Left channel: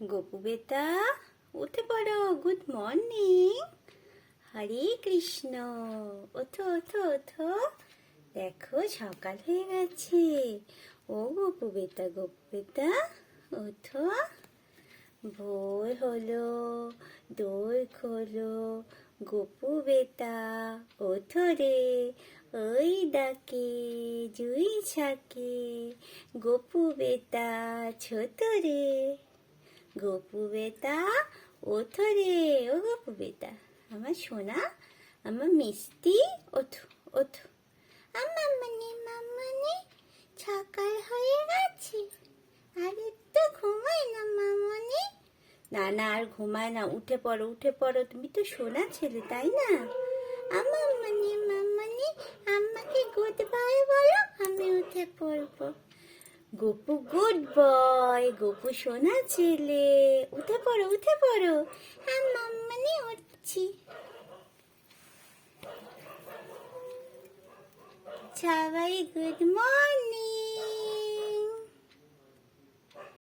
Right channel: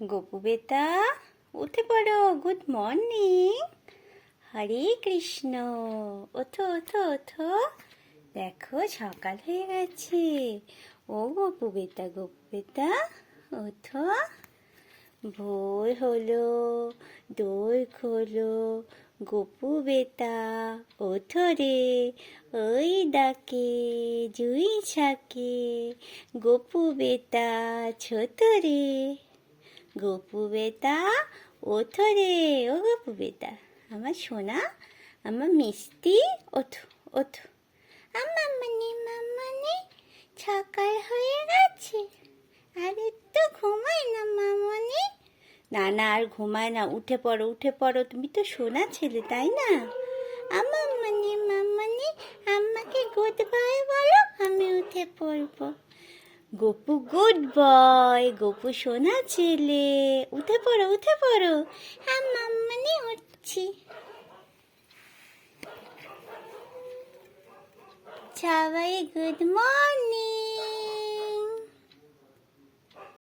গোপু বেটা, উঠে পড়ো। Good morning. হরে কৃষ্ণ। ওঠো ওঠো ওঠো, দেখো সকাল হয়ে গেছে। ও গোপু বেটা, গোপু বেটা ওঠো। ভোর হলো, দোর খোলো। গোপু বেটা ওঠো রে, ওই ডাকে জুই ছাকে। গোপু বেটা ছোট রে, গোপু বেটা ওঠো রে। ও গোপু বেটা, আমার সোনা, আমার মিষ্টি, ওঠো ওঠো। আমার মামানি সকাল হয়ে গেছে, আর একটু ঘুমাই না মামানি? না না, আর ঘুমায় না, উঠে পড়ো উঠে পড়ো, তুমি তো সোনা ছেলে তাই না? আমার মামানি আমাকে গুড বাই বলো, আমি উঠে পড়বো। গোপু গুড বয়, গোপু সোনা ছেলে, উঠে পড়ো উঠে পড়ো। হ্যাঁ মাম্মানি উঠছি। সবাই গুড মর্নিং।